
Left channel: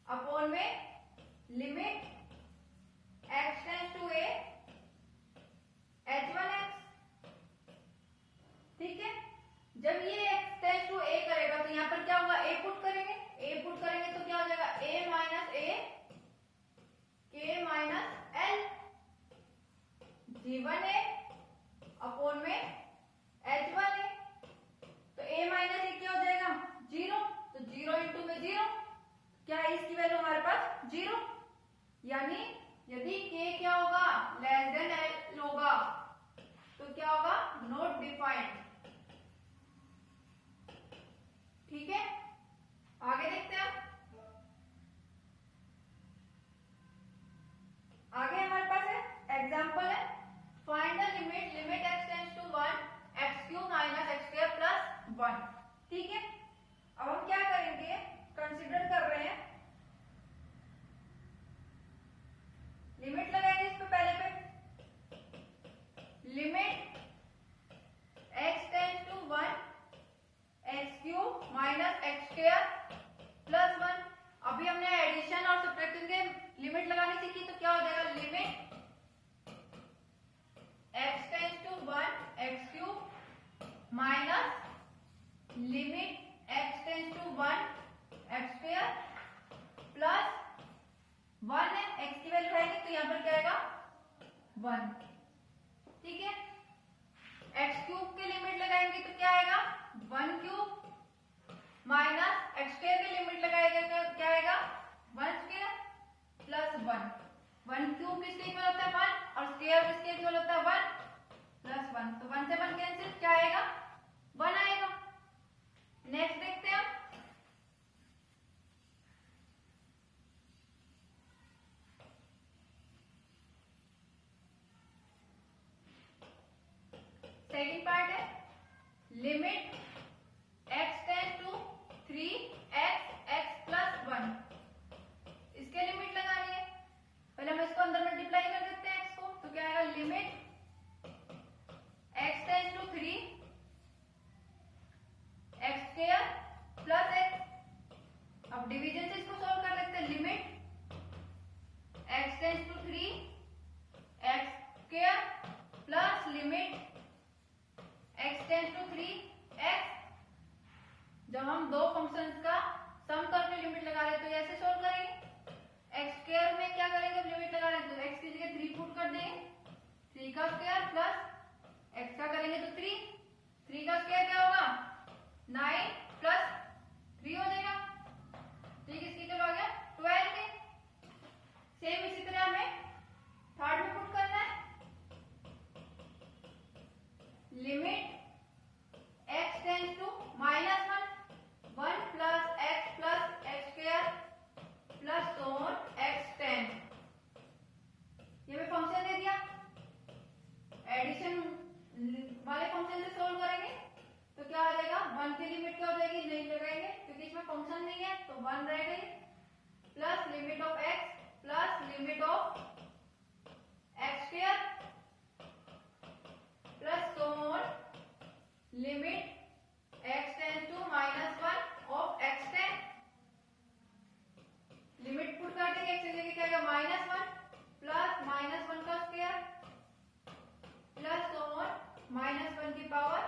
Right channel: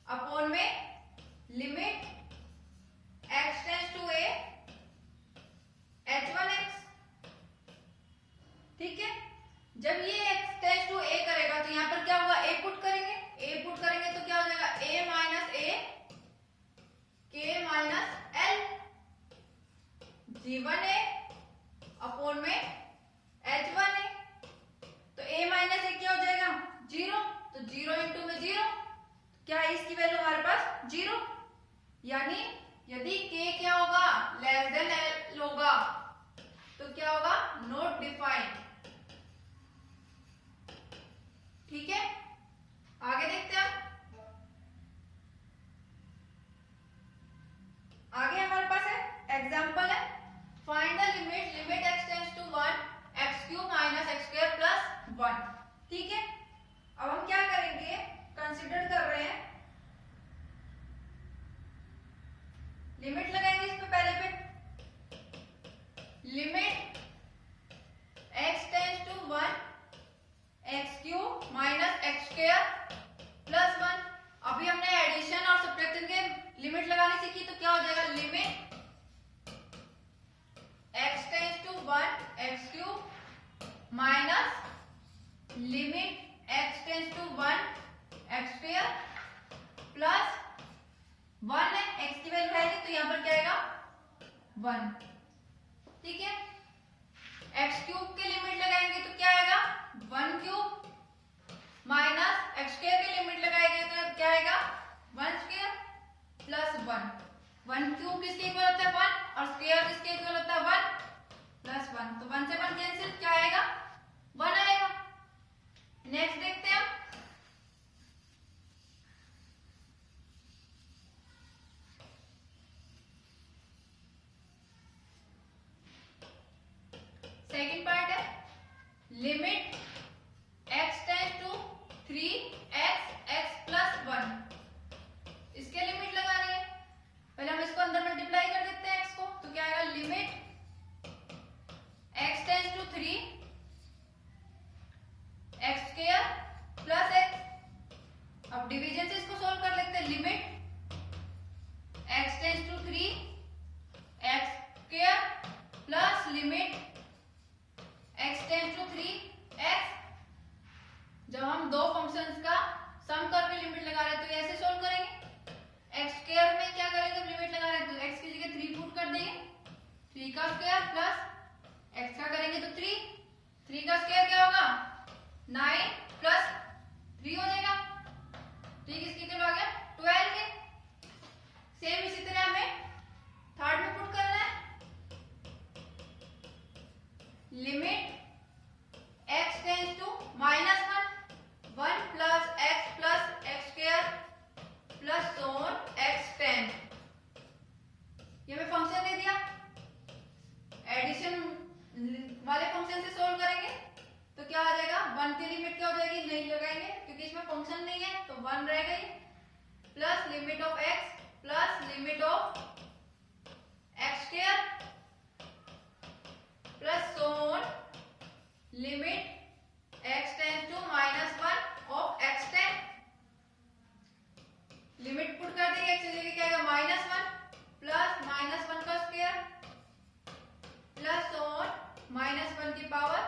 upon में limit x tends to a h1x, ठीक है। जब ये x टेंड्स टू a करेगा तो यहाँ पर क्या होगा, a पुट करेंगे, a पुट करेंगे तो क्या हो जाएगा, a minus a k minus l g1a upon में h1a, तो a माइनस a क्या हो जाएगा, 0, तो 0 इंटू में 0, क्या है इसकी वैल्यू हमारे पास 0, यानी यदि k क्या होगा, लेस देन l होगा तो क्या होगा, नॉट डिफाइंड, ठीक है। आगे देखते हैं, आगे हमारे पास है एग्जांपल है, find the limit limit x tends to 1 x cube minus x square plus 1, ठीक है। अब हम क्या करेंगे, कंसीडर कर रहे हैं, लिमिट लगाएंगे इस पे पहले पे, limit x tends to 1 x cube minus x square plus 1। अभी हमने एडिशन और सब्ट्रैक्शन के लिमिट लगानी सीखी तो क्या हो जाएगा, limit x tends to 1 x cube minus limit x tends to 1 x square plus 1 है, x की वैल्यू है नहीं तो यहाँ पर क्या आएगा 1, ठीक है। x क्यूब की लिमिट लगाएंगे तो क्या आएगा, 1 क्यूब माइनस x स्क्वायर की लिमिट लगाएंगे तो क्या आएगा, 1 स्क्वायर प्लस 1। 1 क्यूब किसके इक्वल होता है 1 और स्क्वायर किसके इक्वल होता है 1 प्लस 1, तो 1 से 1 कैंसिल, क्या आएगा 1 आएगा। नेक्स्ट देखते हैं, सेकंड पार्ट है, limit x tends to 3x x plus 1, इसके लिमिट लगानी है, पहले हम इसको अंदर मल्टीप्लाई कर देते हैं x को, तो क्या आएगा, limit x tends to 3 x square plus x। अब डिवीजन से इसको सॉल्व कर लेते हैं, limit x tends to 3 x square plus limit x tends to 3x। जब हम दो फंक्शंस का सम करके लिमिट लगा रहे हैं तो ऐसे सॉल्व करेंगे, x स्क्वायर में क्या करेंगे, लिमिट लगा रहे हैं तो x की जगह 3 पुट कर देंगे, 3 का स्क्वायर प्लस x का करेंगे तो 3, 3 का स्क्वायर क्या होगा 9 प्लस 3 हो जाएगा, ठीक, इसकी क्या आ गया 12 के। सेम इसी तरह हमें थर्ड में पुट करना है, limit x tends to minus 1 plus x square plus so on x tend, ये हमें फंक्शन दे दिया, एडिशन वाले फंक्शन से सोल्व करेंगे तो क्या आ जाएगा, 1 की लिमिट क्या हो जाएगी, नहीं लगाएंगे क्योंकि इसमें फंक्शन नहीं है तो 1 रहेगा ये, plus limit of x plus limit of x square plus so on limit x tends to minus 1 of x tend, limit put कर देंगे, x की जगह क्या आएगा -1 प्लस -1 का स्क्वायर प्लस सोन -1 की पावर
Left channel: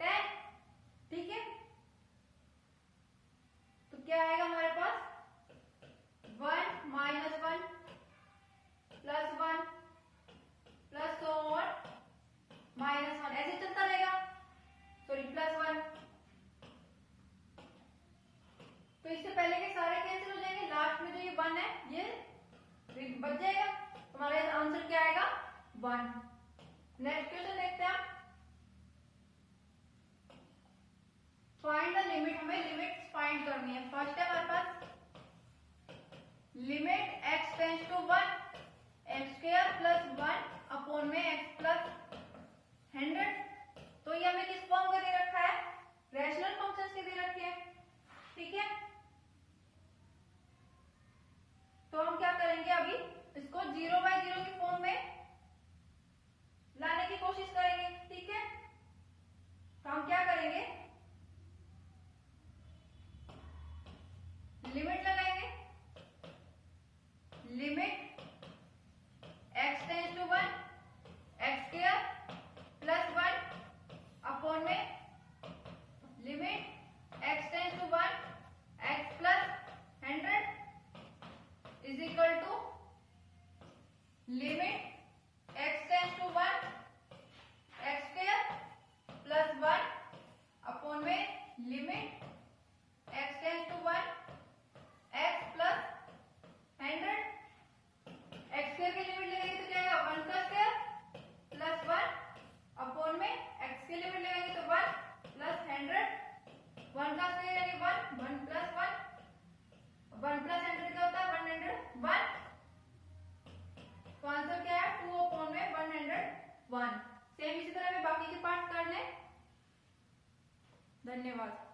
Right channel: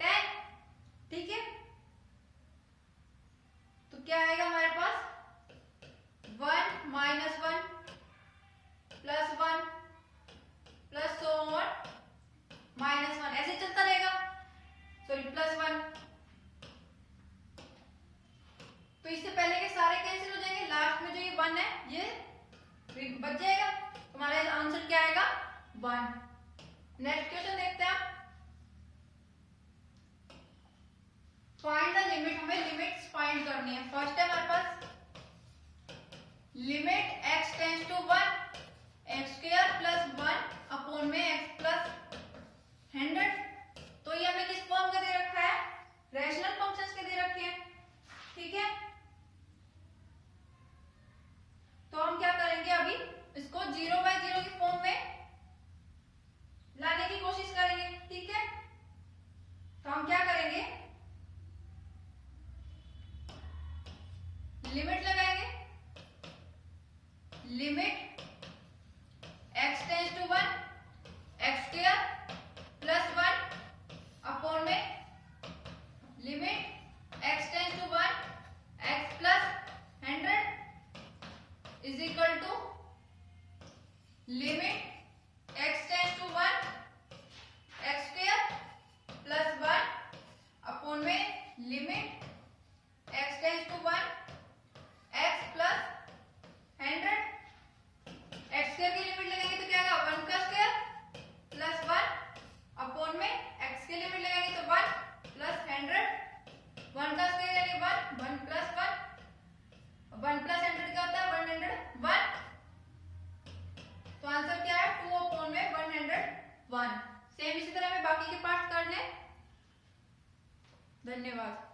10, ठीक है। तो क्या आएगा हमारे पास 1 -1 प्लस 1 प्लस सोन -1, ऐसे चलता रहेगा, सॉरी प्लस 1 तो इससे पहले के सारे कैंसिल हो जाएंगे, लास्ट में जो ये 1 है ये बच जाएगा, हमारा आंसर क्या आएगा 1। नेक्स्ट क्वेश्चन देखते हैं आप। फाइंड द लिमिट, हमें लिमिट्स फाइंड करनी है। फर्स्ट है हमारे पास limit x tends to 1 x square plus 1 upon में x प्लस 100। तो ये हमें किस फॉर्म का दे रखा है, रैशनल फंक्शंस के दे रखे हैं, ठीक है। तो हम क्या करेंगे, अभी इसको 0/0 की फॉर्म में लाने की कोशिश करेंगे, ठीक है। तो हम क्या करेंगे, लिमिट लगाएंगे, limit x tends to 1 x square plus 1 upon में limit x tends to 1 x plus 100 is equal to limit x tends to 1 x square plus 1 upon में limit x tends to 1 x plus 100। x square की लिमिट लगेंगे तो क्या आएगा 1 का स्क्वायर प्लस 1 अपॉन में x की लिमिट लगाएंगे तो 1 प्लस 100। 1 का स्क्वायर यानी 1 1 प्लस 1 1 प्लस 100 क्या होता है 101। तो आंसर क्या है 2 अपॉन में 101। सेम इसी तरह में बाकी के पार्ट कर लें। धन्यवाद।